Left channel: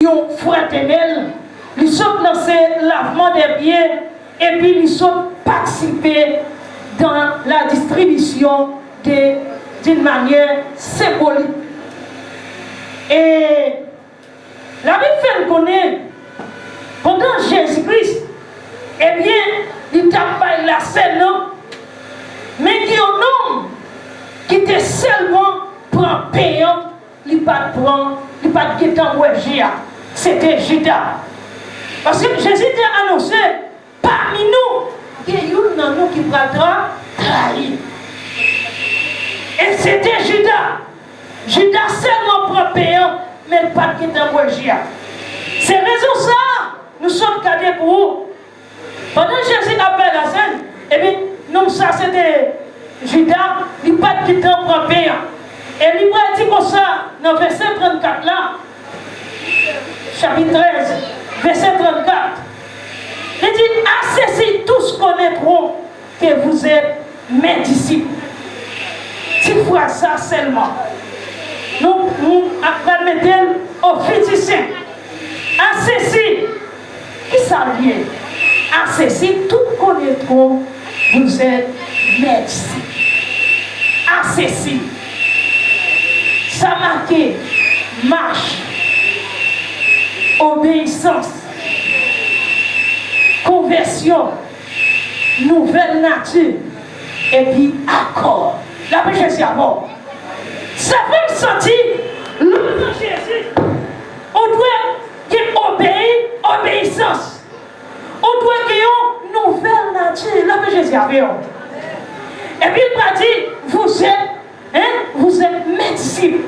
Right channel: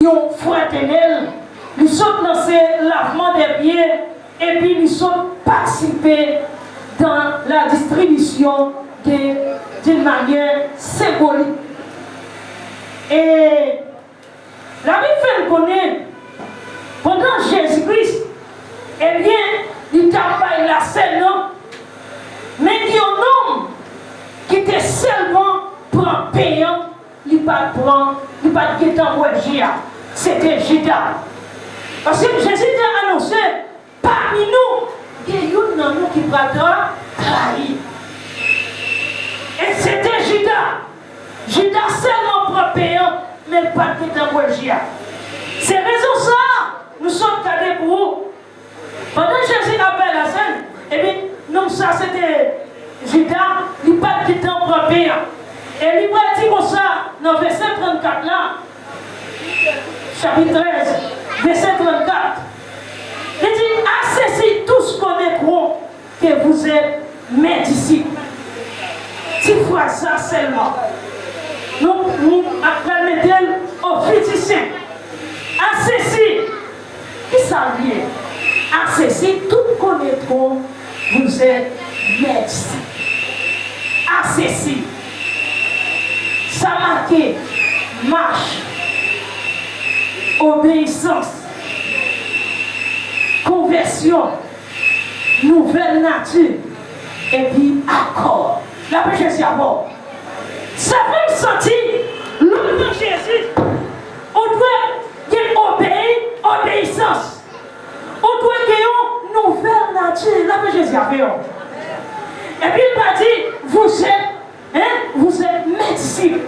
Ils fraternel, ils sont dans ce lavement des pieds et puis ils sont participés dans la distribution d'une manière symbolique. Et la Bible fait connaître, pendant Jésus-Christ, eh bien, il travaille la scène, mais il y a un homme qui était seulement prend payant, il ne pas prendre, il ne pas quitter c'était Judas. Parce que Jésus a annoncé, parmi nous, il y a un nous qui va trahir. Et c'était Judas. Judas seulement prend payant, mais il pas quitter c'est raison ça, nous sommes cadés pour vous. Pendant que Jésus appelle la scène, et bien, nous, ça c'était Judas, il pas quitter prend payant. Et il va dire comme ça, dans le verset 34 là, chapitre 13, verset 34. Il dit, à ceci tous connaîtront que vous êtes mes disciples. Si vous faites ça seulement, nous après mettons au physicien. À ceci, qui ça vient? À ceci, tous connaîtront que vous êtes mes disciples. À ceci, ça marque marche, obéissance, conversion, nouvelle nature, et puis accord. La paix Jésus à mort. Ça fait sentir l'homme de Jésus. On doit obéir, obéissance. On doit gagner une nouvelle nature. La paix Jésus à mort. Et puis il m'a dit, vous êtes mes disciples.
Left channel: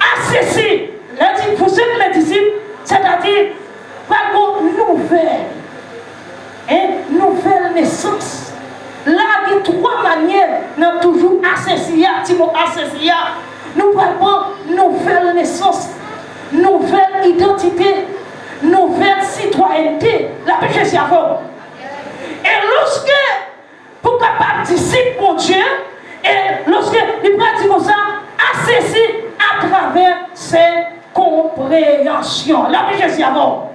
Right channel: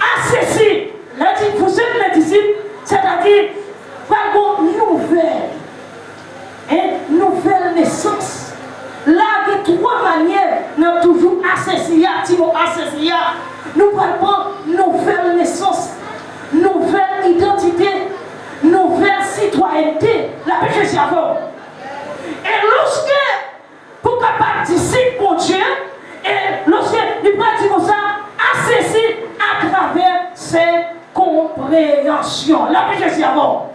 À ceci, il a dit, vous êtes mes disciples, c'est-à-dire, pas une nouvelle naissance. Là, il y a trois manières, nous avons toujours associé, nous parlons nouvelle naissance, nouvelle identité, nouvelle citoyenneté. La paix Jésus à vous. Et lorsque, pour capable disciple pour Dieu, et lorsque il pratique comme ça, associé à travers ses compréhensions. La paix Jésus à vous.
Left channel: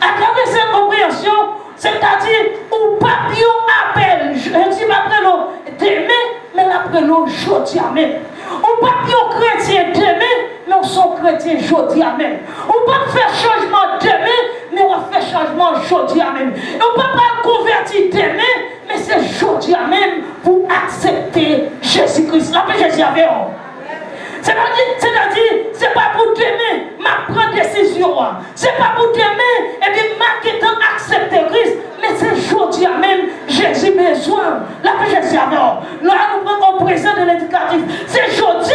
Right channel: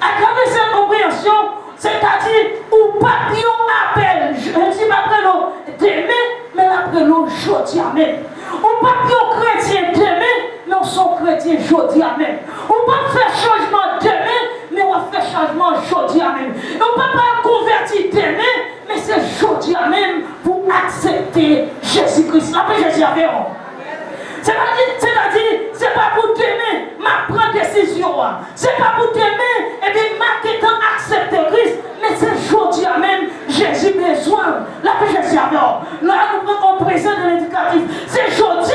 À travers cette compréhension, c'est-à-dire, ou papillon appelle, je ne dis pas après l'eau demain, mais après l'eau jeudi même. Ou papillon chrétien demain, mais on sont chrétiens jeudi même. On ne pas faire changement demain, mais on va faire changement jeudi même. Et on ne peut pas convertir demain, mais c'est jeudi même pour accepter Jésus-Christ. La paix Jésus avec vous. C'est-à-dire, c'est pas pour demain, ma prendre décision. C'est pas pour demain, et bien, ma quittant accepter Christ. Mais c'est aujourd'hui même, Jésus besoin. La paix Jésus avec vous. Là, nous prenons au présent de l'éducatif. C'est aujourd'hui,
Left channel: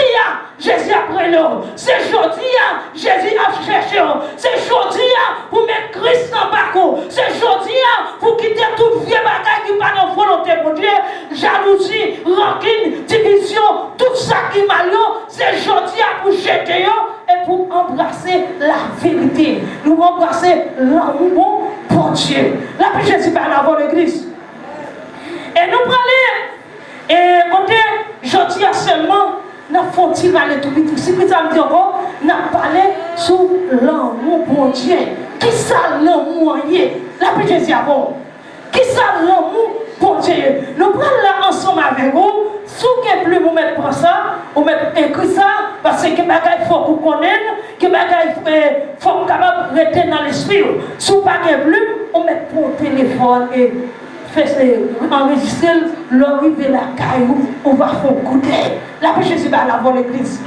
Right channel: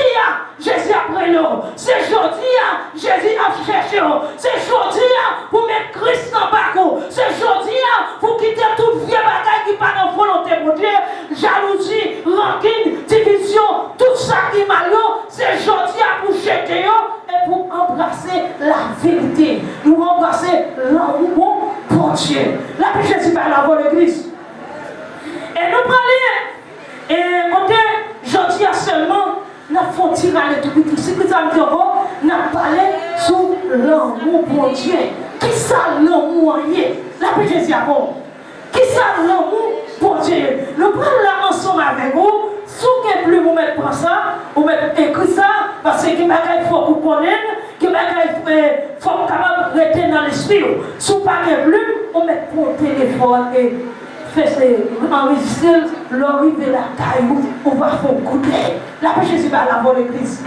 Jésus après nous. C'est aujourd'hui, Jésus a cherché. C'est aujourd'hui, pour mettre Christ en parcours. C'est aujourd'hui, pour quitter toute vieille bataille qui pas dans volonté pour Dieu. Jalousie, rancune, division, tout ça qui m'a eu. C'est aujourd'hui pour jeter et pour embrasser la vérité. Nous embrasser l'amour pour Dieu. La paix Jésus par la voix de Christ. Et nous prenons, et quand je dis seulement, nous avons tiré tout petit. Si vous avez dit, nous avons parlé sur l'amour pour Dieu. Qui ça l'amour? La paix Jésus à vous. Qui ça l'amour pour Dieu? Nous prenons là ensemble avec vous. Si vous ne plus vous mettre pour ça, vous mettez écrit ça, parce que il faut que vous connaissiez, il faut que vous capable de rester dans l'esprit. Si vous ne plus, vous mettez pour le téléphone et enregistrer l'arrivée de la caillou, on va faire goûter. La paix Jésus va la voix de Christ.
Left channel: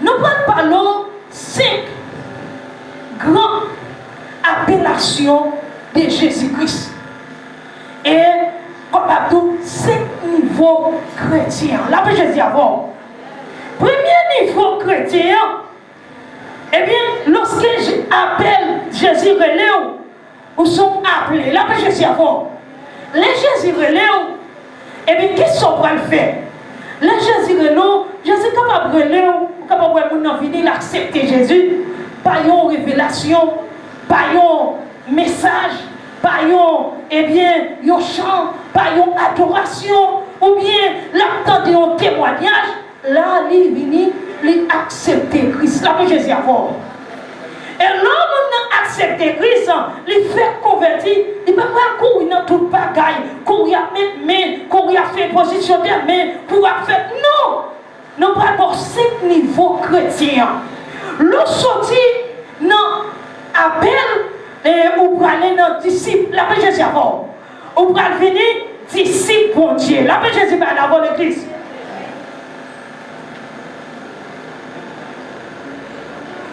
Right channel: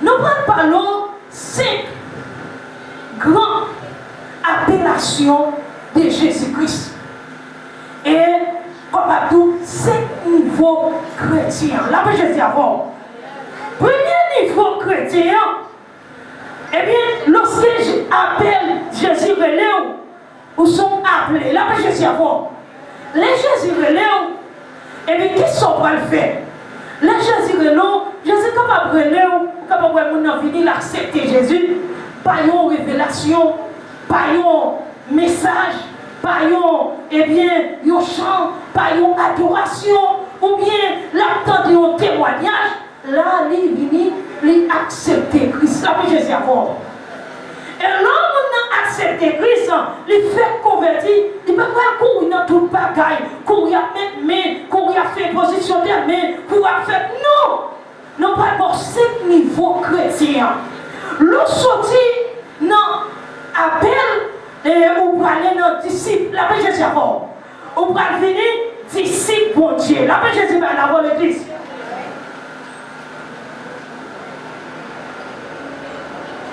Nous parlons 5 grandes appellations de Jésus-Christ. Et comme à tout, 5 niveaux chrétiens. La paix Jésus à vous. Premier niveau chrétien, eh bien, lorsque j'appelle Jésus relève, où sont appelés. La paix Jésus à vous. Les Jésus relève, eh bien, qui sont pour le faire? Les Jésus relève, Jésus capable de relève, capable de venir accepter Jésus, par une révélation, par un message, par eh bien, un chant, par une adoration, ou bien l'attente d'un témoignage, là, il vient il accepte Christ. La Jésus avant. Et l'homme a accepté Christ, il fait convertir, il ne peut pas courir dans toute bagaille, courir à mettre main, courir à faire position de main, courir à faire. Non! Nous pas 5 niveaux chrétiens. Le sorti dans appel et ou pour aller dans disciple, la paix Jésus avant. Ou pour venir disciple bon Dieu. La paix Jésus va avant l'église.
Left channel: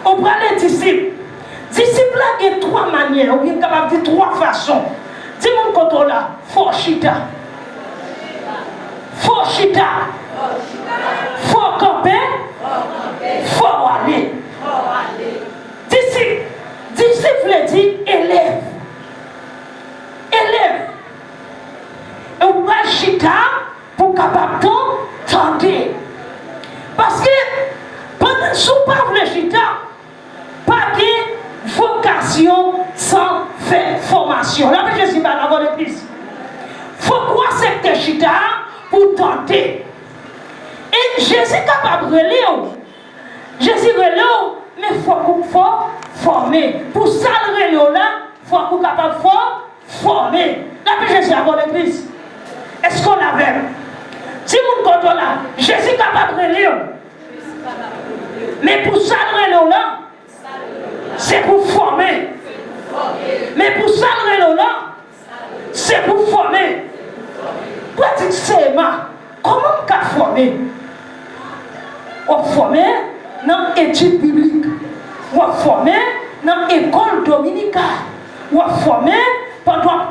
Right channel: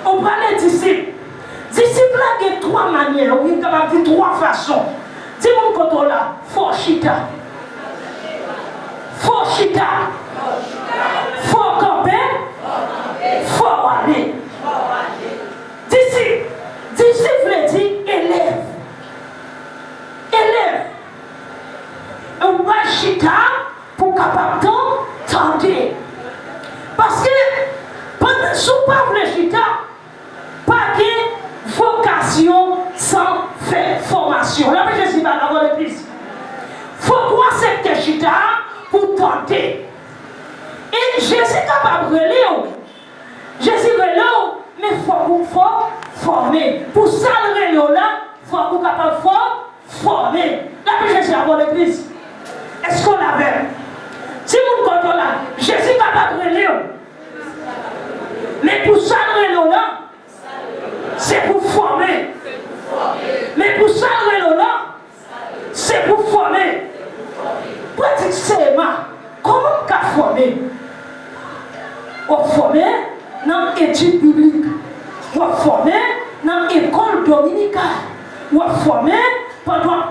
On prend les disciples. Disciples là, il y a 3 manières, on est capable de dire 3 façons. Si mon côté là, faut chita. Faut chita. Faut camper. Faut aller. Disciple dit élève. Élève. Et on va chita pour capable tenter. Parce que pendant sous pas le chita, pas de vocation sans faire formation. Là, je suis pas dans l'église. Il faut croire cette chita pour tenter. Et Jésus est capable de relire. Jésus relire, mais il faut former. Pour ça, le relire là, il faut être capable de former. Là, je suis dans l'église. Est-ce qu'on l'avait? Si vous me comptez là, Jésus est capable de relire. Mais pour ça, le relire là, c'est pour former. Mais pour ça, le là, c'est pour former. Pratiquement, comment on peut former? On forme dans l'étude biblique. On forme dans l'école dominicale. On forme pendant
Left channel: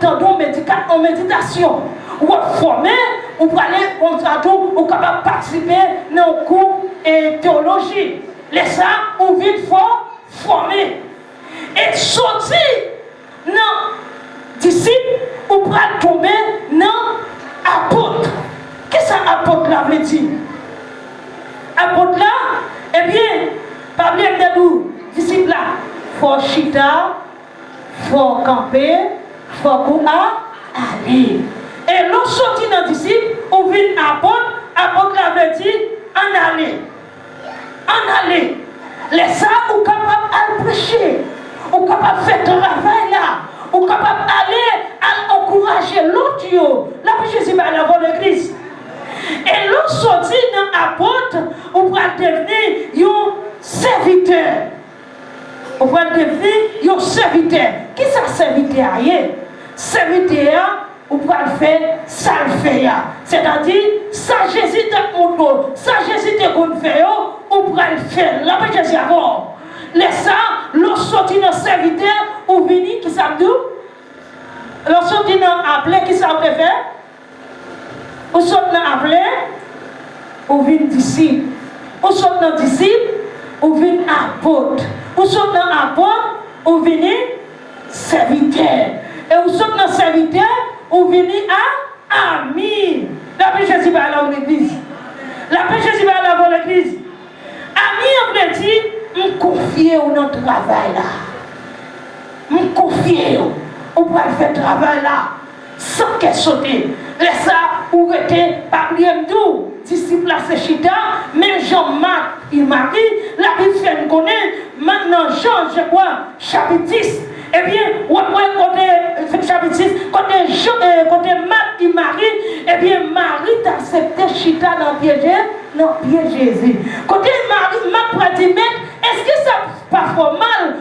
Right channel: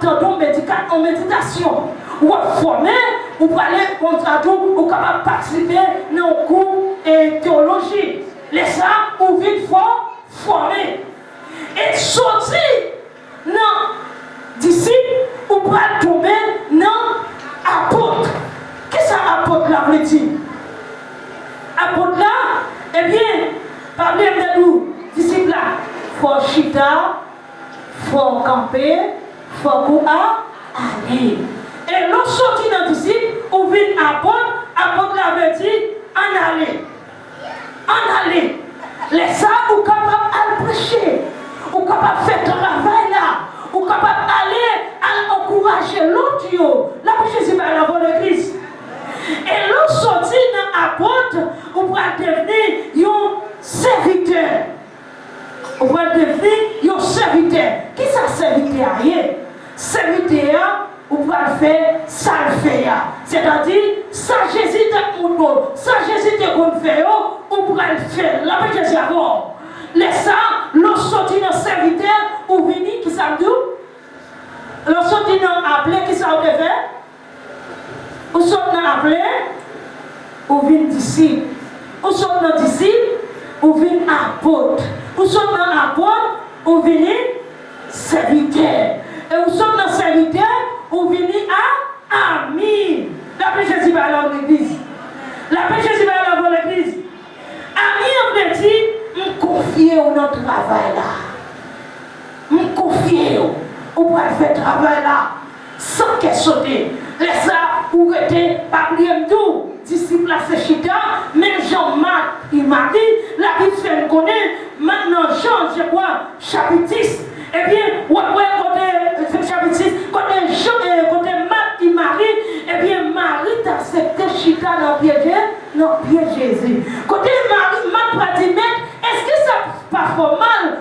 en méditation. On forme, on peut aller on est capable de participer dans le cours de théologie. Les ça, on vient former. Et sortir dans disciple, on peut tomber dans apôtre. Qu'est-ce que apôtre là veut dire? Apôtre là, eh bien, parmi les deux disciples là, il faut chita, il faut camper, il faut aller. Et l'autre sorti dans disciple, on vient apôtre là veut dire en aller. En aller. Les ça, on est capable de prêcher. On est capable de faire travail là. On est capable d'aller à encourager l'autre. Là, Jésus va aller avant l'église. Et l'autre sorti dans l'apôtre, on va devenir un serviteur. On va devenir un serviteur. Qui ça serviteur? Serviteur, on va le faire, ça le fait. C'est-à-dire, ça Jésus t'a montré, ça Jésus t'a fait, on va le faire. Là, Jésus va voir. Les ça, l'autre sorti dans le serviteur, on vient, qui ça me dit? L'autre sorti dans l'appelé, qui ça me fait? On sort dans l'appelé, on vient disciple. On sort dans disciple, on vient apôtre. On sort dans apôtre, on vient serviteur. Et on sort dans serviteur, on vient à ami. La paix Jésus va aller à l'église. La paix Jésus va aller à l'église. Ami, on veut dire, me confier dans le travail là. Me confier. On va faire le travail là. Sans qu'elle saute. Laisse ça, ou était parmi tout. Disciple c'est chita, même Jean-Marc, il marie, la Bible fait me connaître. Maintenant, Jean, je crois, chapitre 10. Eh bien, côté chapitre 6, côté Marc, il marie, eh bien, Marie t'a accepté chita dans le pied de Jésus. Côté Marc va dire, est-ce que ça pas trop mal?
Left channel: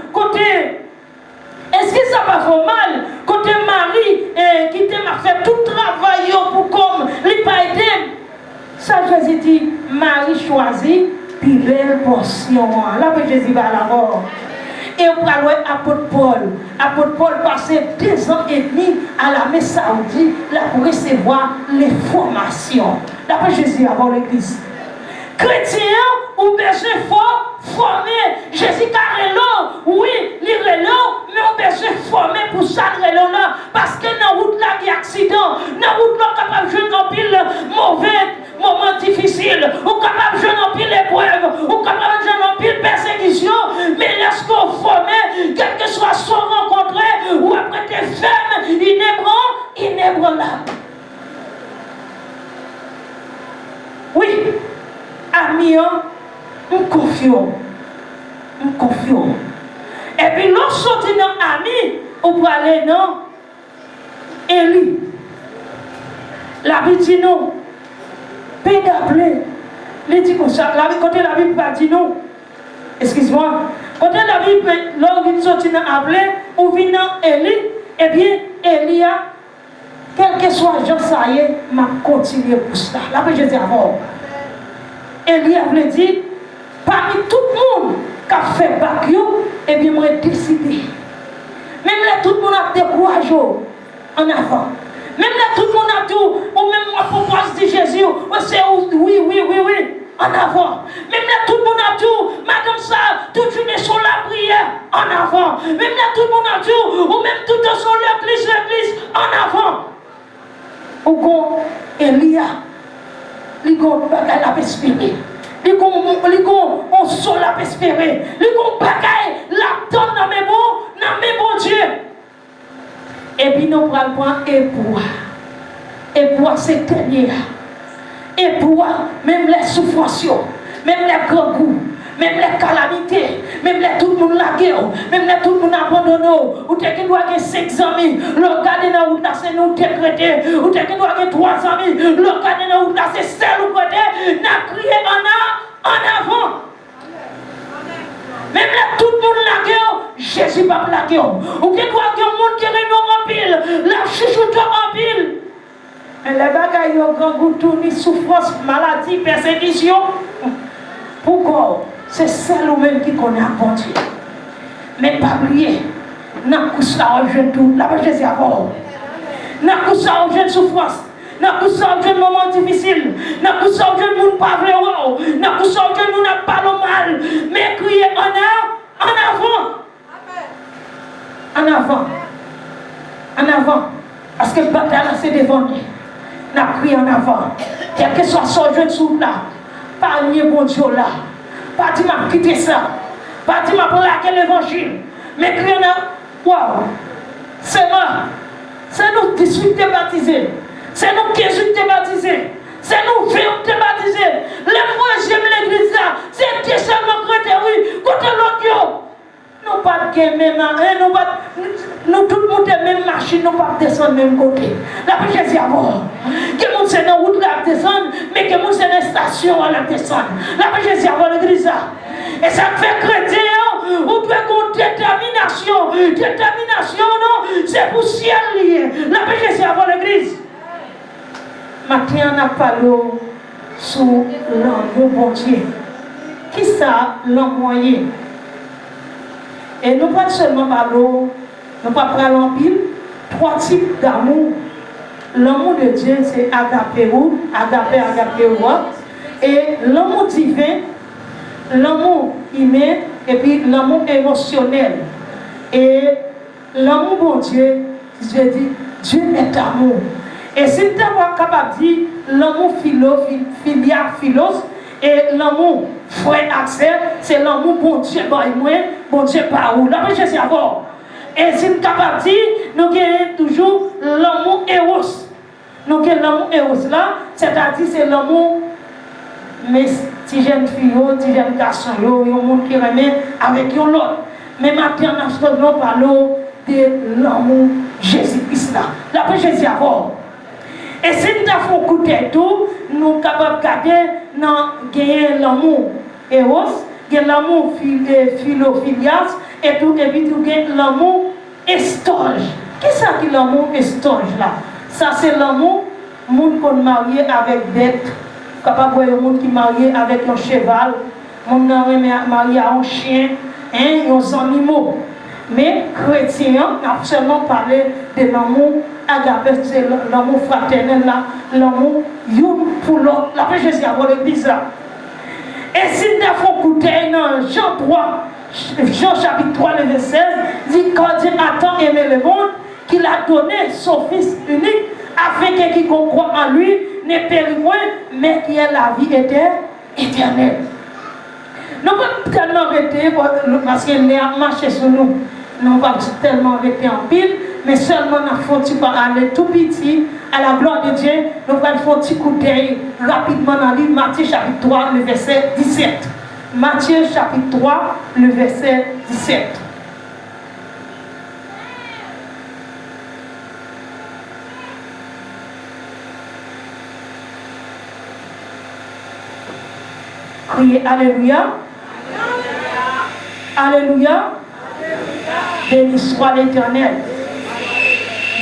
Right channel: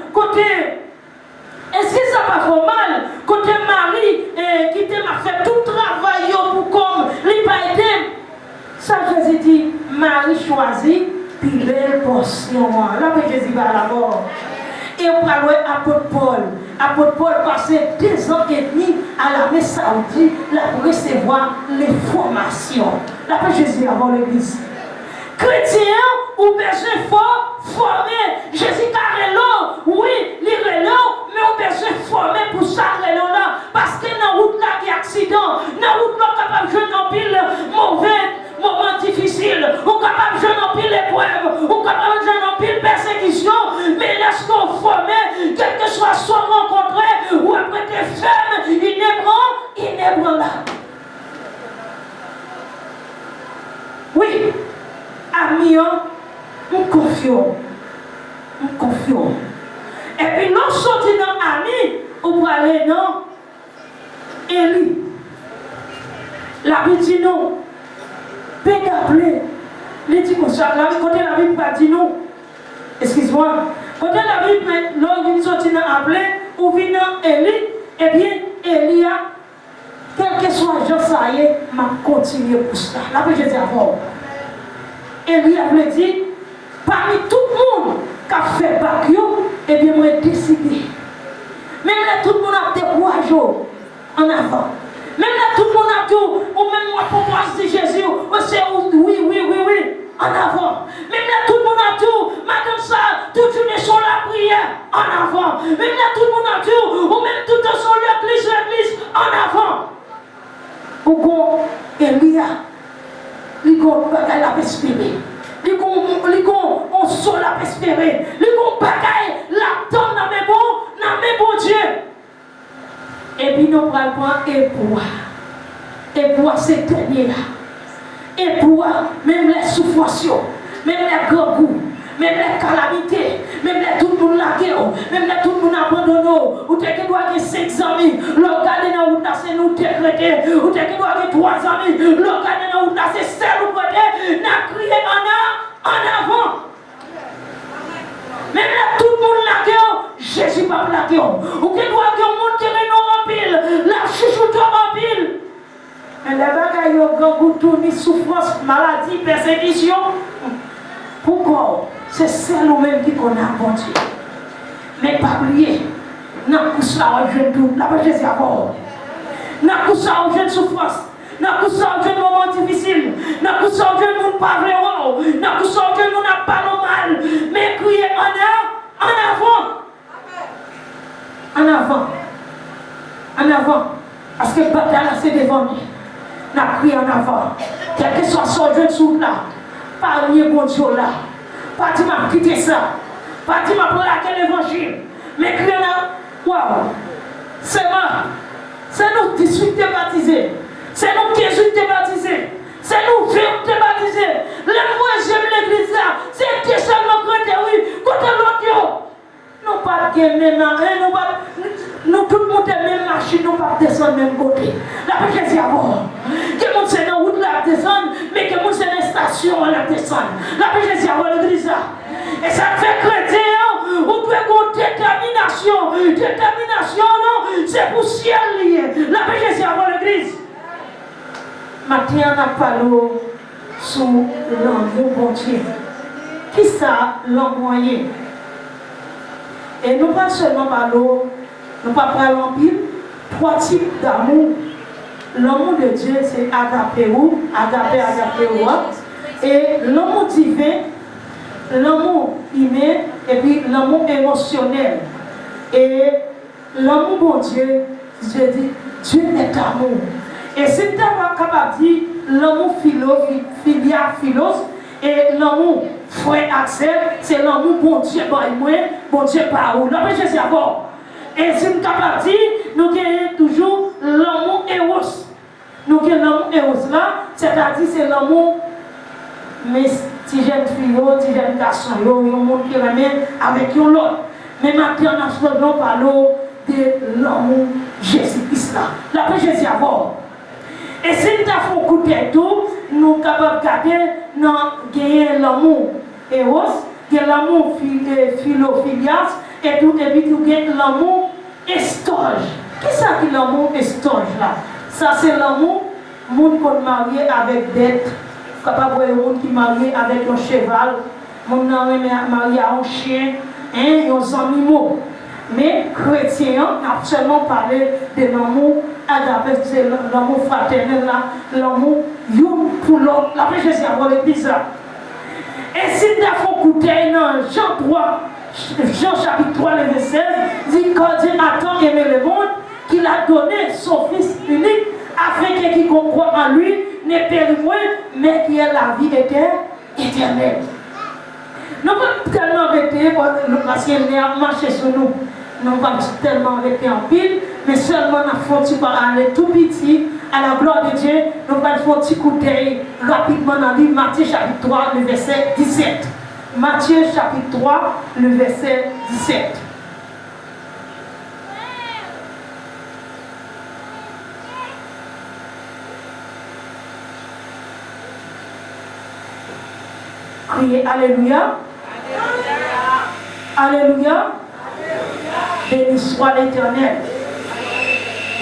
Est-ce que ça pas trop mal? Côté Marie, qui t'a fait tout le travail pour comme, il n'a pas aidé. Ça, Jésus dit, Marie choisit, puis belle portion. Là, Jésus va à la mort. Et on va voir l'apôtre Paul. L'apôtre Paul passait 2 ans et demi à l'armée saoudite là, pour recevoir les formations. Là, Jésus avant l'église. Chrétien, ou besoin fort, former. Jésus carrément, oui, il est là, mais on besoin former pour ça, là. Parce que dans la route là, il y a accident. Dans la route là, on est capable de jouer en pile mauvais moments difficiles. On est capable de jouer en pile épreuve. On est capable de jouer en pile persécution. Mais lorsqu'on forme, quel que soit son rencontré, ou après tes fermes, il n'est pas là. Oui. Ami, on confiant. Et puis, l'autre sorti dans Ami, on peut aller dans Élie. La Bible dit non. Paix d'appeler. Il dit comme ça. Côté la Bible pas dit non. Excuse-moi. Côté la Bible, l'homme qui sorti dans Appelé, ou vient dans Élie, eh bien, Élie a, quel que soit le genre, ça y est, m'a continué pour ça. La Bible dit avant. Élie a dit, parmi tout le monde qui a fait Bakio, eh bien, moi j'ai décidé. Même là, tout le monde a découragé en avant. Même là, tout le monde a tout, ou même moi, pour voir si Jésus, c'est oui, en avant. Même là, tout le monde a tout, madame ça, toute une sur la prière, en avant. Même là, tout le monde a tout, ou même tout sur l'église, en avant. Ou quand Elia, il a la espérer. On sol la espérer. On bagaille la donne dans mes bons Dieu. Et puis nous prenons et pour c'est dernier. Et pour même les souffrances, même les grands goûts, même les calamités, même les tout le monde la guerre, même les tout le monde abandonné, ou t'es qui doit avoir 5 amis, le garder dans où t'as nous décrété, ou t'es qui doit avoir 3 amis, le garder dans où t'as c'est seul ou côté, n'a crié en avant. Même là tout le monde la guerre, Jésus pas la guerre. Ou qui doit avoir un monde qui réunit en pile, la chouchoute en pile. Mais les bagailles, ils ont grand goût, tourner, souffrance, maladie, persécution. Pourquoi? C'est celle ou même qui connaît un bon Dieu. Mais pas oublier, n'a pas ça au jeune tout, la Jésus à bord. N'a pas ça au jeune souffrance, n'a pas ça au jeune moment difficile, n'a pas ça au jeune monde pas vrai, n'a pas ça au jeune monde n'a pas le mal. Mais crier en avant. En avant. Parce que le bataille c'est devant nous. N'a crié en avant. Quel que soit son jeune souffle là, pas nier bon Dieu là. Pas dire m'a quitté ça. Pas dire m'a plaqué l'évangile. Mais crier là, waouh. C'est moi. C'est nous qui sommes baptisés. C'est nous qui sommes baptisés. C'est nous qui sommes baptisés. Le moi j'aime l'église là. C'est Dieu seulement côté oui. Côté l'autre. Nous pas de même nous tout le monde est même machine, nous pas descendre même côté. La paix Jésus avant. Que monde c'est dans route la descendre, mais que monde c'est dans station à la descendre. La paix Jésus avant l'église là. Et ça fait chrétien, on doit avoir détermination. Détermination non, c'est pour ciel lié. La paix Jésus avant l'église. Maintenant on a parlé sur l'amour bon Dieu. Qui ça l'envoyer? Et nous pas seulement parlons, nous pas parlons en pile, 3 types d'amour. L'amour de Dieu, c'est agapéo, et l'amour divin, l'amour humain, et puis l'amour émotionnel. Et l'amour bon Dieu, je dis, Dieu est amour. Et si tu es capable de dire l'amour philos, et l'amour frère Axel, c'est l'amour bon Dieu par moi, bon Dieu par où. La Jésus d'abord. Et si nous sommes capables de dire, nous avons toujours l'amour Eros. Nous avons l'amour Eros là, c'est-à-dire c'est l'amour, mais si j'aime fille, si j'aime garçon, il y a un monde qui remet avec l'autre. Mais maintenant, nous parlons de l'amour Jésus-Christ là. La Jésus d'abord. Et si nous avons un coup de tête, nous sommes capables de garder l'amour Eros, l'amour philophilias, et tout, et puis tout l'amour estoge. Qu'est-ce que c'est l'amour estoge là? Ça c'est l'amour, monde qu'on marie avec bête, capable de voir le monde qui marie avec un cheval, monde marié à un chien, et aux animaux. Mais chrétien, a seulement parlé de l'amour agapé, c'est l'amour fraternel là, l'amour une pour l'autre. La paix Jésus a l'église là. Et si nous avons écouté dans Jean chapitre 3, le verset 16, dit quand Dieu a tant aimé le monde, qu'il a donné son Fils unique, afin que quiconque croit en lui ne périsse point, mais qui ait la vie éternelle. Nous ne pouvons pas tellement arrêter parce qu'il a marché sur nous. Nous ne pouvons pas tellement arrêter en pile, mais seulement nous faut aller tout petit à la gloire de Dieu. Nous allons faire un petit coup d'œil rapidement dans le livre Matthieu chapitre 3, le verset 17. Matthieu chapitre 3, le verset 17. Criez Alléluia. Alléluia. Béni soit l'Éternel.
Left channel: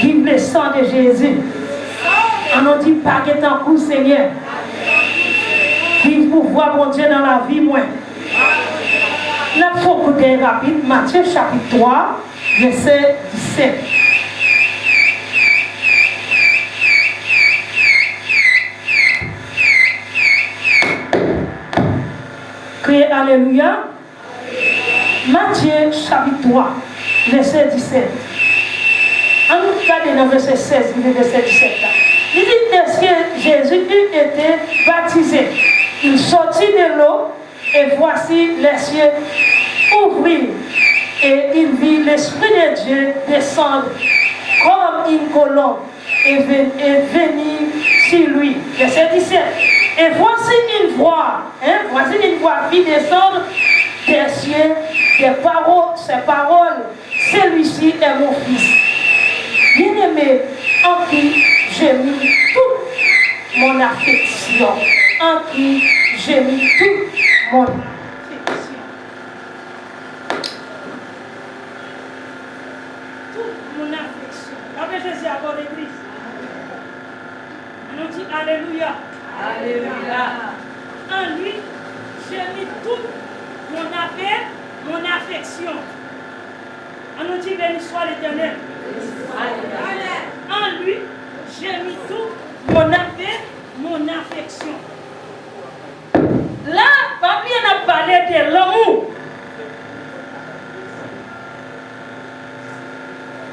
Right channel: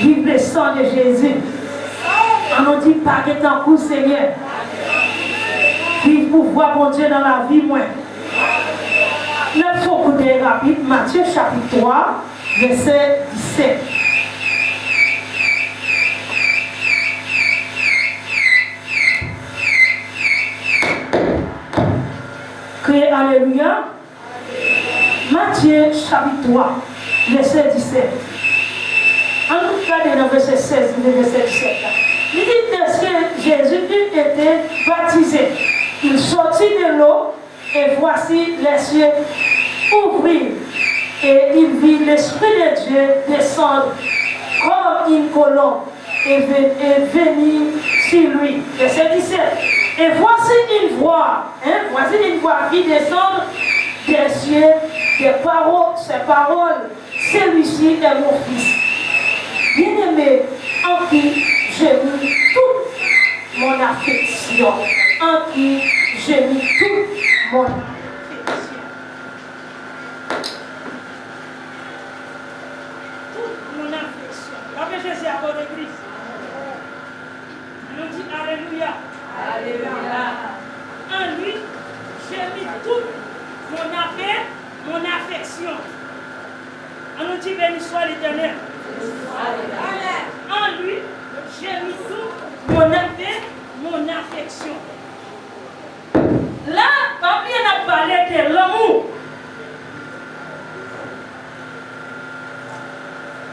Vive le sang de Jésus. On nous dit pas que t'en coup Seigneur. Vive pouvoir bon Dieu dans la vie moi. Nous faut écouter rapide Matthieu chapitre 3 verset 17. Criez Alléluia. Matthieu chapitre 3 verset 17. On regarde dans verset 16, le verset 17 là. Il dit est-ce que Jésus eut été baptisé. Il sortit de l'eau et voici les cieux ouvrir et il vit l'Esprit de Dieu descendre comme une colombe et venir sur lui. Verset 17. Et voici une voix vit descendre des cieux, ces paroles. Celui-ci est mon fils. Bien-aimé, en qui j'ai mis toute mon affection. En qui j'ai mis toute mon affection. Toute mon affection. Avec Jésus à votre église. On nous dit Alléluia. Alléluia. En lui, j'ai mis toute mon affection. On nous dit béni soit l'Éternel. En lui, j'ai mis tout mon affection. Là, papi a parlé de l'amour.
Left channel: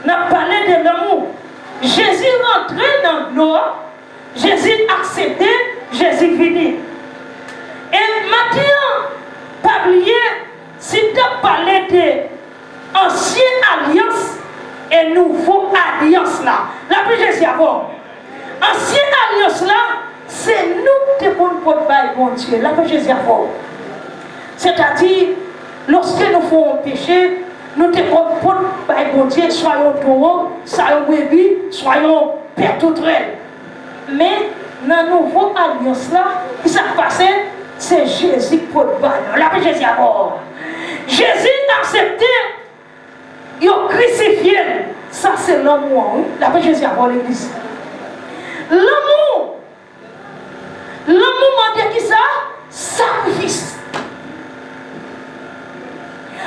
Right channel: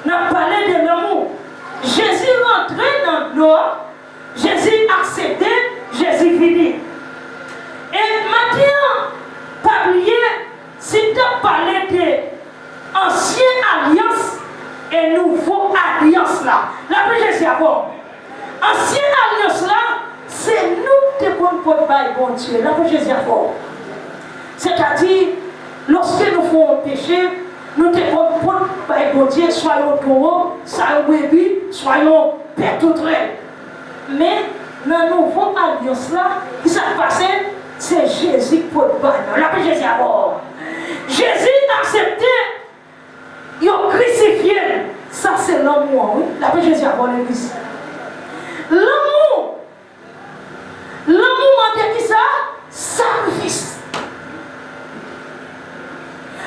On a parlé de l'amour. Jésus rentrait dans le gloire. Jésus acceptait, Jésus venait. Et maintenant, pas oublier, si tu as parlé de ancienne alliance et nouvelle alliance là, la plus Jésus avant. Ancienne alliance là, c'est nous qui devons faire bon Dieu, la plus Jésus avant. C'est-à-dire, lorsque nous faisons péché, nous devons faire bon Dieu, soyons taureaux, soyons bébés, soyons pères tout traits. Mais dans la nouvelle alliance là, qui s'est passé, c'est Jésus pour le bail. La paix Jésus à bord. Jésus a accepté, il a crucifié. Ça c'est l'amour. Oui? La paix Jésus à bord l'église. L'amour. L'amour, on dit qui ça? Sacrifice.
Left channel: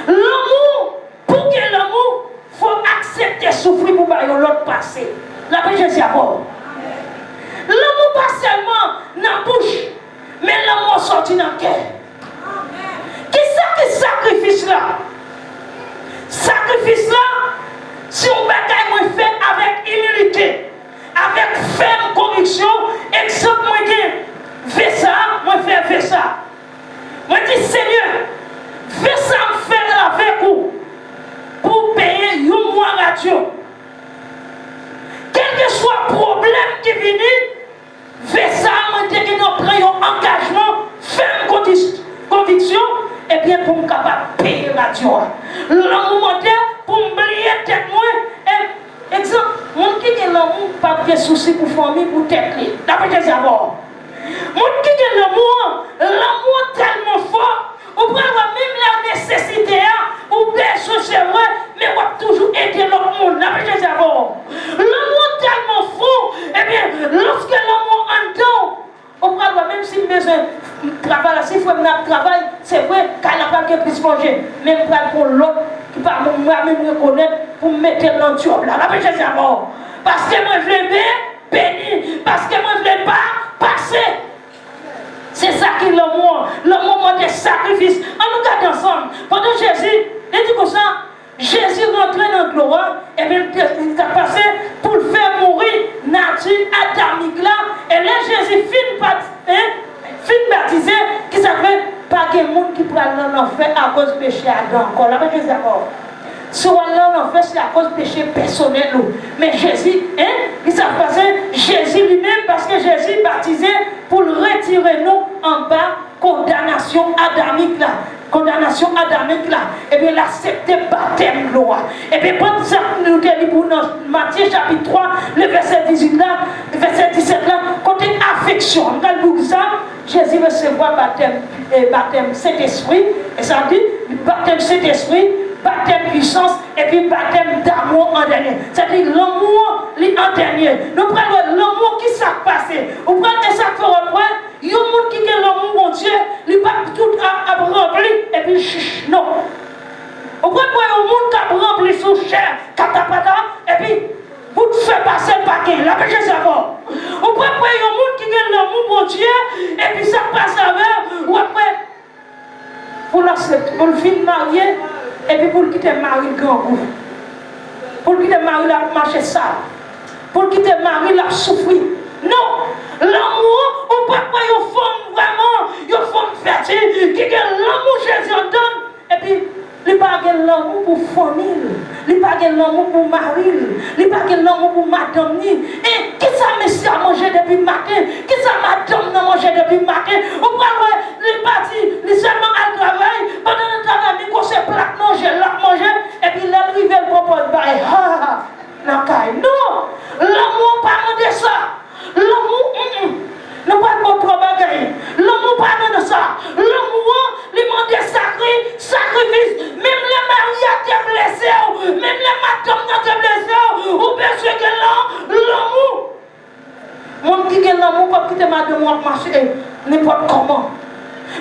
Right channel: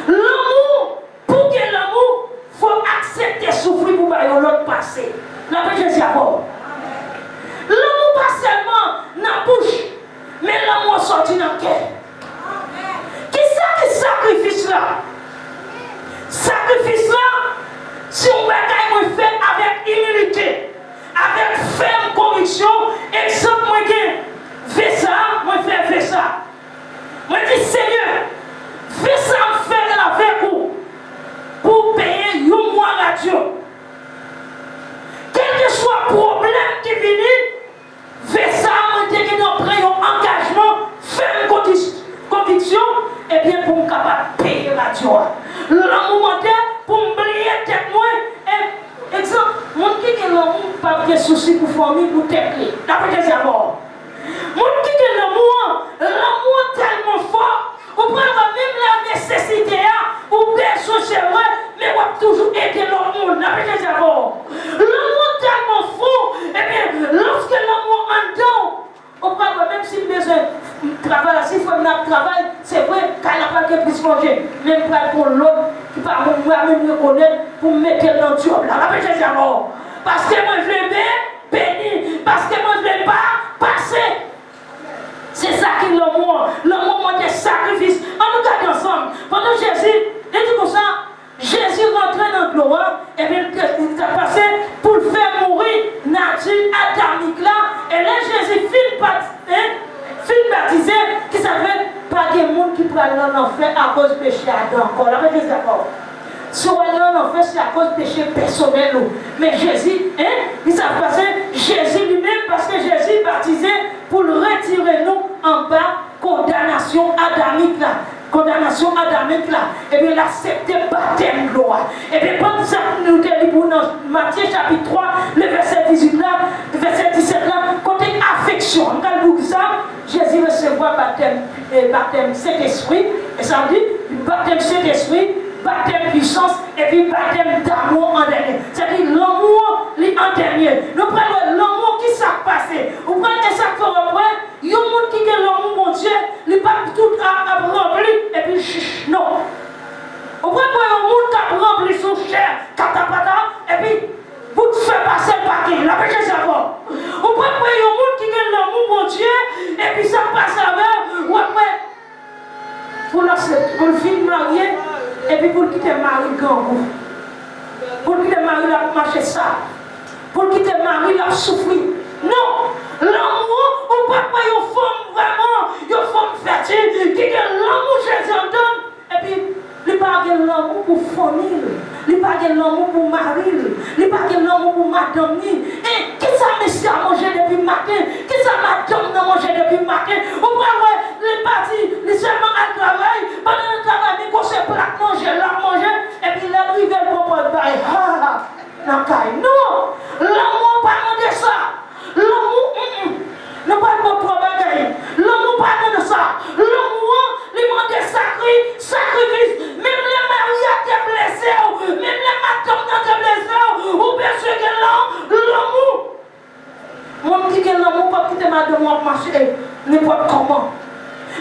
L'amour, pour que l'amour, il faut accepter souffrir pour bailler l'autre passé. La paix Jésus à bord. L'amour pas seulement dans la bouche, mais l'amour sorti dans le cœur. Qui ça qui sacrifice là? Sacrifice là, si on bataille, on fait avec humilité, avec ferme conviction, exemple, moi je fais ça, moi je fais ça. Moi je dis Seigneur, fais ça, faire avec vous, pour payer un mois radio. Quel que soit le problème qui vient, fais ça, nous prenons engagement, ferme conviction, et bien pour me capable de payer la joie. L'amour pour me briller tête moi, exemple, mon qui est l'amour, pas de soucis pour famille, pour tête. D'après des amours. Mon qui est l'amour tellement fort, ou pas même la nécessité, ou besoin chez moi, mais on va toujours aider l'amour, d'après des amours. L'amour tellement fort, et bien, lorsque l'amour entend, on prend même si le besoin de travail, s'il faut un travail, c'est vrai qu'elle n'a pas que plus manger. Même pour l'autre, qui par moi-même reconnaître, pour me mettre dans le job. Là, la paix Jésus à mort. Parce que moi, je veux bien, béni. Parce que moi, je ne veux pas passer. C'est ça qui est l'amour. L'amour des sacrifices. On nous garde ensemble. Pendant Jésus, il dit comme ça, Jésus rentrait dans le gloire, et bien il a passé pour le faire mourir, nature adamique là, et là Jésus fin baptisé, qui s'appelle pas de monde qui prend l'enfer à cause du péché Adam. Encore là, Jésus d'accord. Si on a l'enfer, c'est à cause du péché personnel. Mais Jésus, il s'est passé, Jésus lui-même, parce que Jésus baptisé pour le retirer nous en bas, condamnation adamique là. Condamnation adamique là, et bien l'accepter baptême loi. Et bien quand ça nous dit pour Matthieu chapitre 3, le verset 18 là, verset 17 là, côté affection, nous allons ça, Jésus recevoir baptême Saint-Esprit, et ça dit baptême Saint-Esprit, baptême puissance, et puis baptême d'amour en dernier. C'est-à-dire l'amour en dernier. Nous prenons l'amour qui s'est passé. Vous prenez ça pour après. Il y a un monde qui a l'amour, mon Dieu, il n'est pas tout à rempli, et puis chuch, non. Vous prenez un monde qui a rempli sous chair, et puis vous faites passer le paquet, la paix Jésus avant. Vous prenez un monde qui a l'amour, mon Dieu, et puis ça passe avec, ou après, pour le film marié, et puis pour le quitter mari le grand goût. Pour le quitter mari la marcher ça. Pour le quitter mari la souffrir. Non! L'amour, on peut pas une femme vraiment, une femme fertile, qui a l'amour Jésus en donne. Et puis, il n'y a pas l'amour pour famille, il n'y a pas l'amour pour mari, il n'y a pas l'amour pour madame. Et qui ça monsieur a mangé depuis le matin? Qui ça madame a mangé depuis le matin? On va voir les parties, les seulement à travail, pendant le travail, ils conseillent plat manger, là manger, et puis là, ils veulent proposer. Non! L'amour parle de ça! L'amour, ne pas de votre bagaille. L'amour parle de ça. L'amour, il demande des sacrifices. Même les mariés qui sont blessés, même les madames qui sont blessés, ou bien ceux qui ont l'amour. Mon qui a l'amour, pas quitter madame marcher n'importe comment.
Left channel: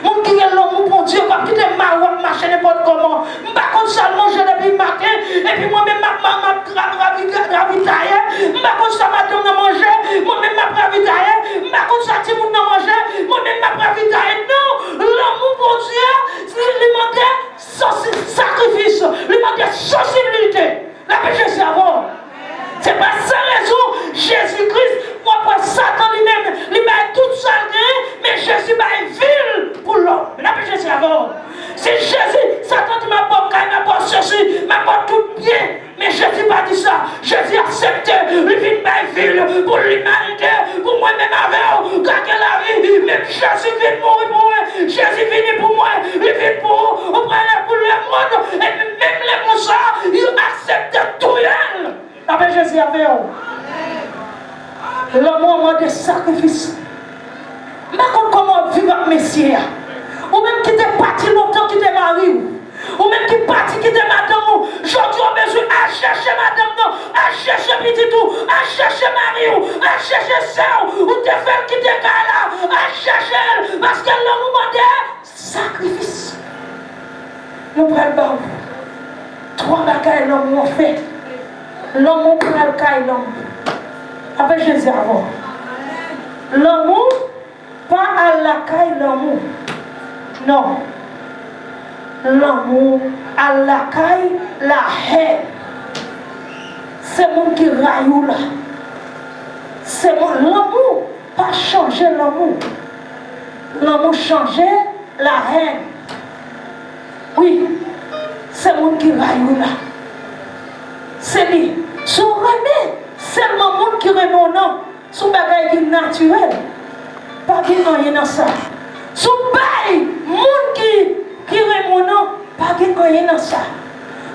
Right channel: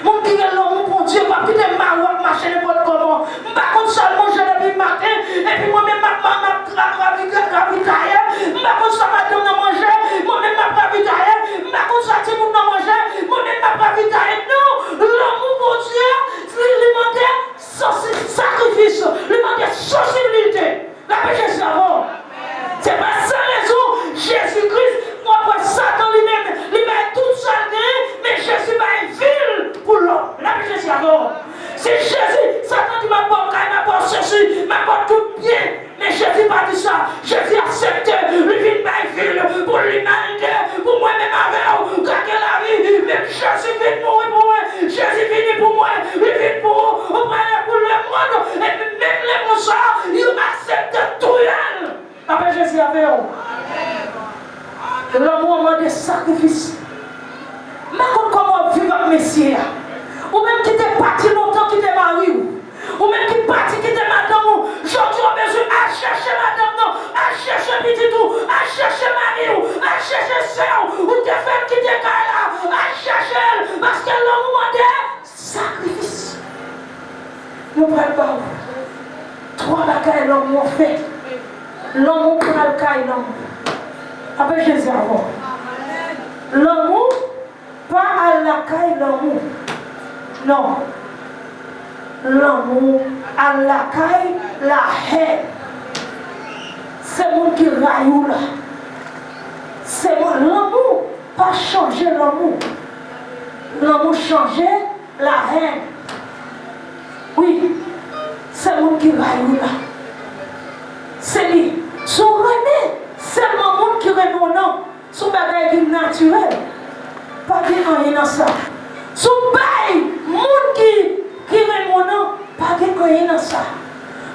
Mon qui a l'amour, mon Dieu, pas quitter ma marcher n'importe comment. Par contre, seulement je depuis le matin, et puis moi-même, ma ravitaille. Par contre, ça m'a donné à manger, moi-même, ma ravitaille. Par contre, ça t'a donné à manger, moi-même, ma ravitaille. Non, l'amour, mon Dieu, il demandait sacrifice, il demandait sensibilité. La paix, Jésus avant. C'est pas sans raison, Jésus-Christ, moi, pas Satan lui-même, il m'a tout seul, mais Jésus m'a une ville pour l'homme. La paix, Jésus avant. C'est Jésus, Satan dit ma bonne caille, ma bonne ceci, ma bonne tout bien. Mais Jésus pas dit ça. Jésus accepte, il vit ma ville pour l'humanité, pour moi-même avec quand la vie, mais Jésus vit mourir pour moi. Jésus vit pour moi, il vit pour vous, vous prenez pour le monde, et même les monstres, il accepte tout elle. La paix Jésus avec vous. L'amour des sacrifices. Mais comment vivre avec Messie? Ou même qui t'est parti longtemps, qui t'est marié, ou même qui est parti, qui t'est madame, je dois besoin à chercher madame, à chercher petit tout, à chercher mari, à chercher soeur, ou t'es fait qui t'est là, à chercher, parce que l'amour des sacrifices. Nous prenons trois bagailles l'homme m'a fait. L'amour pour le caille l'homme. Avec Jésus avant. L'amour, pas à la caille l'amour. Non. L'amour, à la caille, la haine. C'est mon qui raille là. C'est mon l'amour, pas changer l'amour. L'amour changer la haine. Oui, c'est mon qui raille là. C'est lui. Son remède, c'est le monde qui remet mon nom. Son bagage qui est naturel. Pas de rien dans ça. Son bail, monde qui remet mon nom, pas de rien dans ça.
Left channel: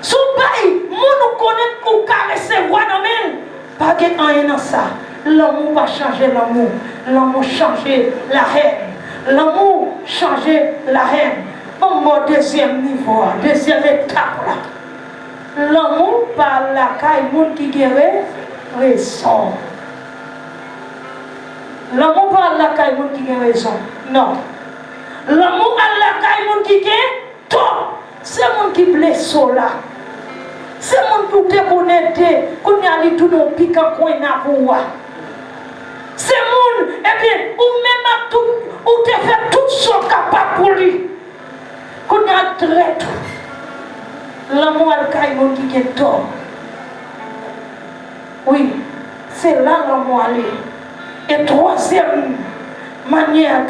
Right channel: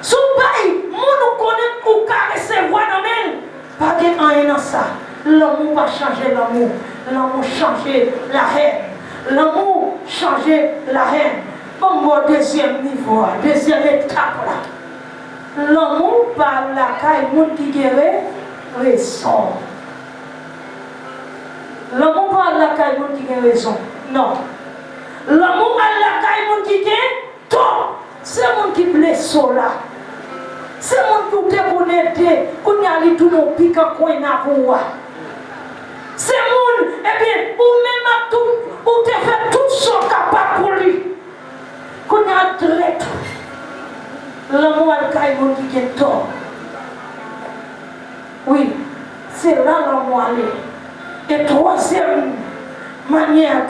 Son bail, monde qui connaît ou caresse voix dans même, pas de rien dans ça. L'amour va changer l'amour. L'amour changer la haine. L'amour changer la haine. Bon, deuxième niveau, deuxième étape là. L'amour par la caille, monde qui guérit, raison. L'amour par la caille, monde qui guérit, raison. Non. L'amour par la caille, monde qui guérit, tort. C'est monde qui blesse là. C'est monde pour te connaître, qu'on a dit tout nos piquants qu'on a pour. C'est monde, eh bien, ou même à tout, ou te fait tout ce capable pour lui. Qu'on a traité. L'amour à l'caïmon qui est tort. Oui, c'est là l'amour aller. Et troisième manière,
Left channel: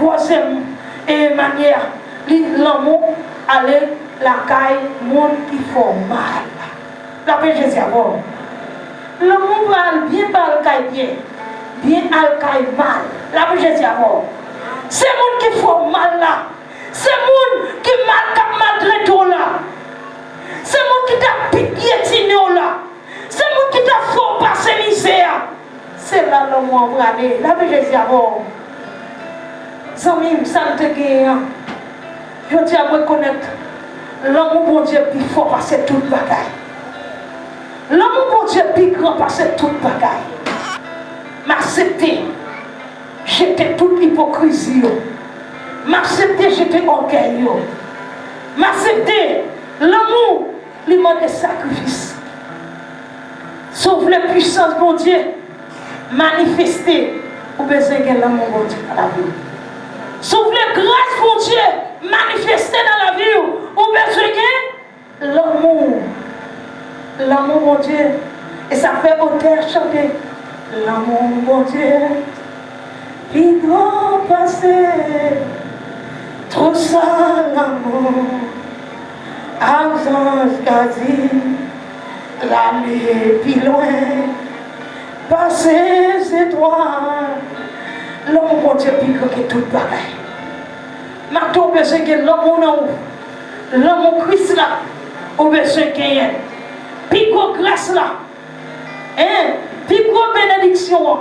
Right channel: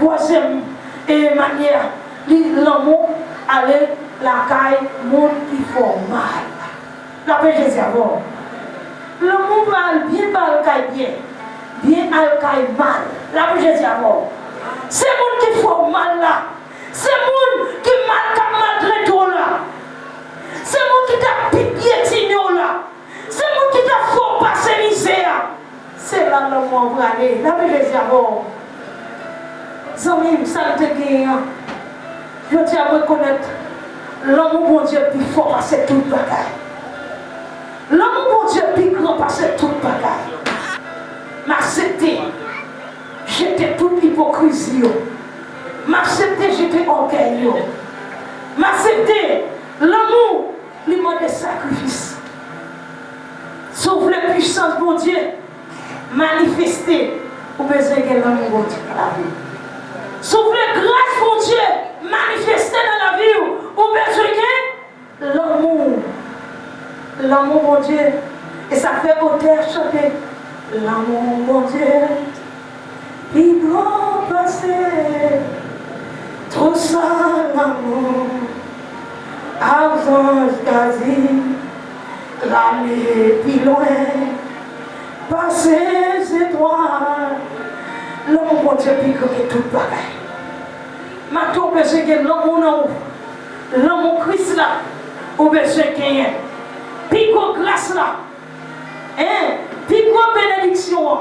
l'amour aller la caille, monde qui font mal. La paix Jésus avant. L'amour va bien par le caille bien à le caille mal. La paix Jésus avant. C'est monde qui font mal là. C'est monde qui maltraite là. C'est monde qui t'a piétiné là. C'est monde qui t'a fait passer misère. C'est là l'homme en vrai. Là, Jésus a bon. Zami, ça me te je dis à reconnaître l'homme bon Dieu plus fort passer toute bagaille. L'homme bon Dieu plus grand passer toute bagaille. M'accepter, j'étais toute hypocrisie. M'accepter, j'étais orgueil. M'accepter, l'amour, lui demande des sacrifices. Sauf la puissance de mon Dieu, manifester, ou besoin de l'amour bon Dieu dans la vie. Sauf la grâce mon Dieu, manifester dans la vie, ou besoin de l'amour. L'amour mon Dieu. Et ça fait auteur chanter. L'amour mon Dieu, il doit passer. Trop ça l'amour. Absence quasi. L'année plus loin. Passer c'est toi. L'amour mon Dieu, plus grand que tout pareil. Maintenant, on besoin que l'amour non. L'amour Christ là. On besoin qu'il y ait. Pico grâce là. Hein? Pico bénédiction.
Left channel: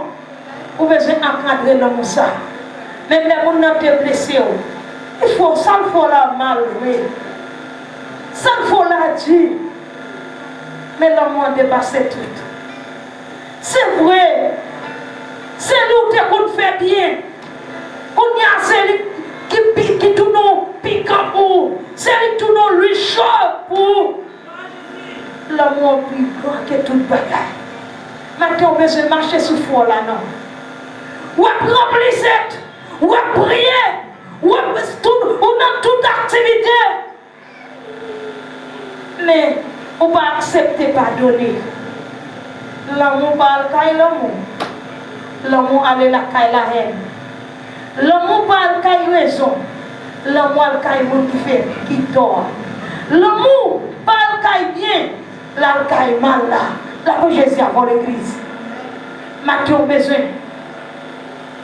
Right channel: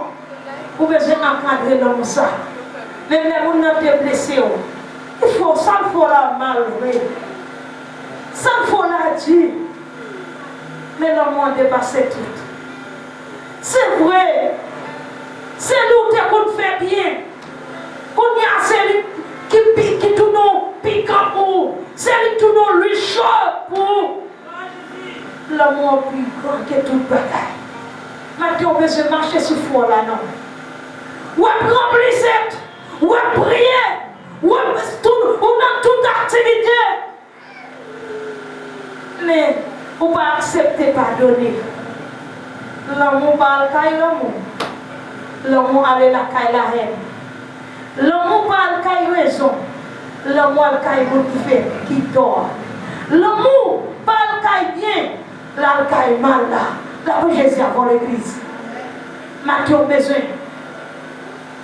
Vous besoin d'encadrer l'amour ça. Même les gens qui sont blessés. Il faut ça, il faut la mal. Ça, il faut la dire. Mais l'amour a dépassé tout. C'est vrai. C'est nous qui fait bien. On y a celui qui tourne piquant pour. Celui qui tourne lui chaud pour. L'amour plus grand que toute bagaille. Maintenant, on besoin de marcher sur le four là, non. Ou à remplir cette, ou à prier, ou dans toute activité. Mais on ne va pas accepter pardonner. L'amour parle de l'amour. L'amour aller la caille la haine. L'amour parle de raison. L'amour parle de qui dort. L'amour parle de bien. Là, il y a mal là. Là, Jésus avant l'église. Maintenant, on a besoin.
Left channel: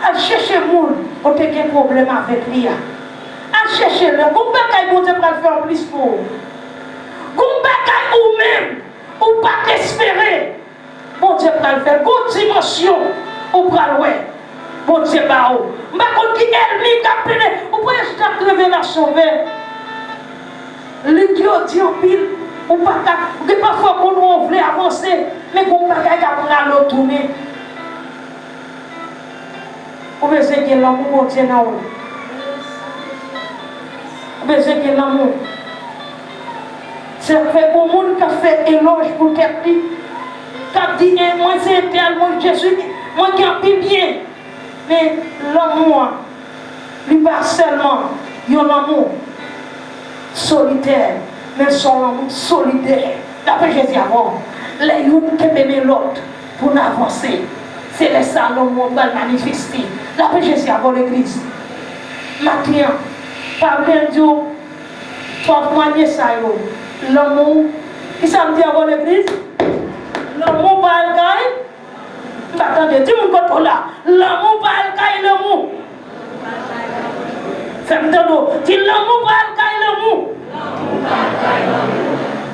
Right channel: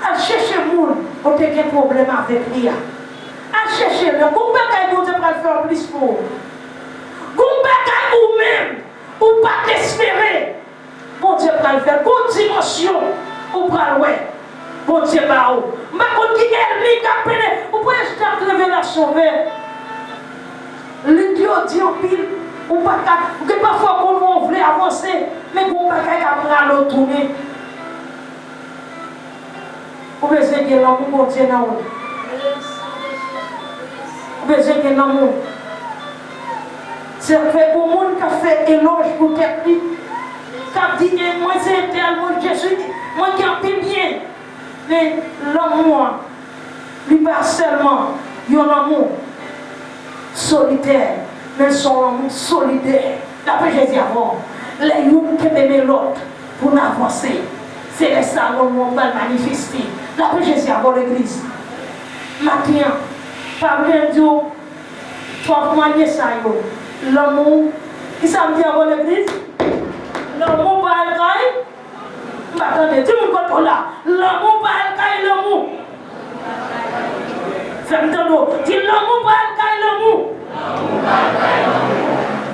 À chercher le monde, on a des problèmes avec lui. À chercher le monde. Vous ne pouvez pas faire plus pour vous. Vous ne même, ou pas espérer. Bon Dieu va le faire. Bonne dimension, ou pas le ouais. Bon Dieu va où. Je ne sais pas qui est lui qui a pris. Vous pouvez juste la révélation vers. L'idiot dit en pile. Ou pas parfois qu'on on voulait avancer, mais qu'on ne peut pas aller tourner. Vous avez besoin de l'amour, mon Dieu, dans vous. Vous avez besoin de l'amour. C'est fait au monde qui a fait éloge pour quelqu'un, qui a dit, moi c'est tel, moi Jésus, moi qui a fait bien. Mais l'amour, lui pas seulement, il y a l'amour solitaire. Mais son solidaire. D'après Jésus avant, les gens qui aiment l'autre pour avancer, c'est les salons qui vont manifester. D'après Jésus avant l'église. Maintenant, par bien Dieu, soit moigner ça. L'amour, qui ça me dit avant l'église? L'amour par le caille. Attendez, tu me comprends là. L'amour par le caille, l'amour. Fais-moi dis l'amour par le caille, l'amour.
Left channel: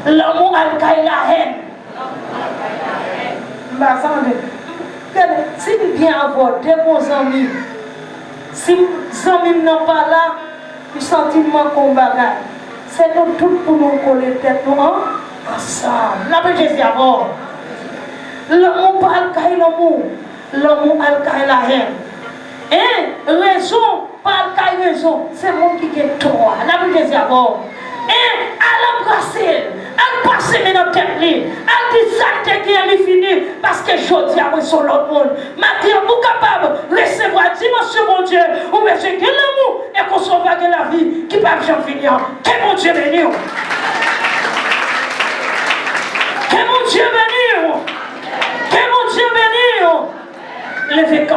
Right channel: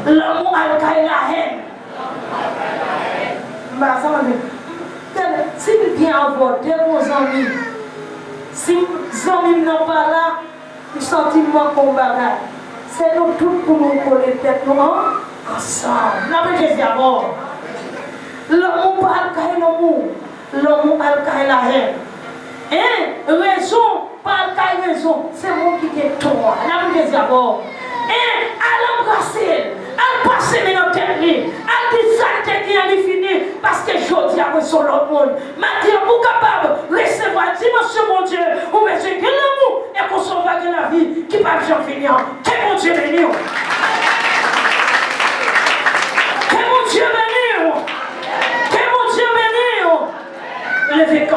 L'amour a la haine. Si vous bien avoir des bons amis, si les amis n'ont pas là, le sentiment qu'on bagaille, c'est nous tous pour nous coller tête ensemble. La Jésus d'abord. L'amour pas l'amour. L'amour a la haine. Et raison, pas raison, c'est moi qui ai tort. La Jésus d'abord. Et à l'embrasser, à passer dans notre tête, à dire ça qui est fini, parce que je dis à moi sur l'autre monde. Maintenant, vous capable de recevoir dimension, mon Dieu, ou monsieur, que l'amour et qu'on sauve de la vie qui va jamais finir. Que mon Dieu bénisse. Que mon Dieu bénisse. Que mon Dieu bénisse. Levez quand.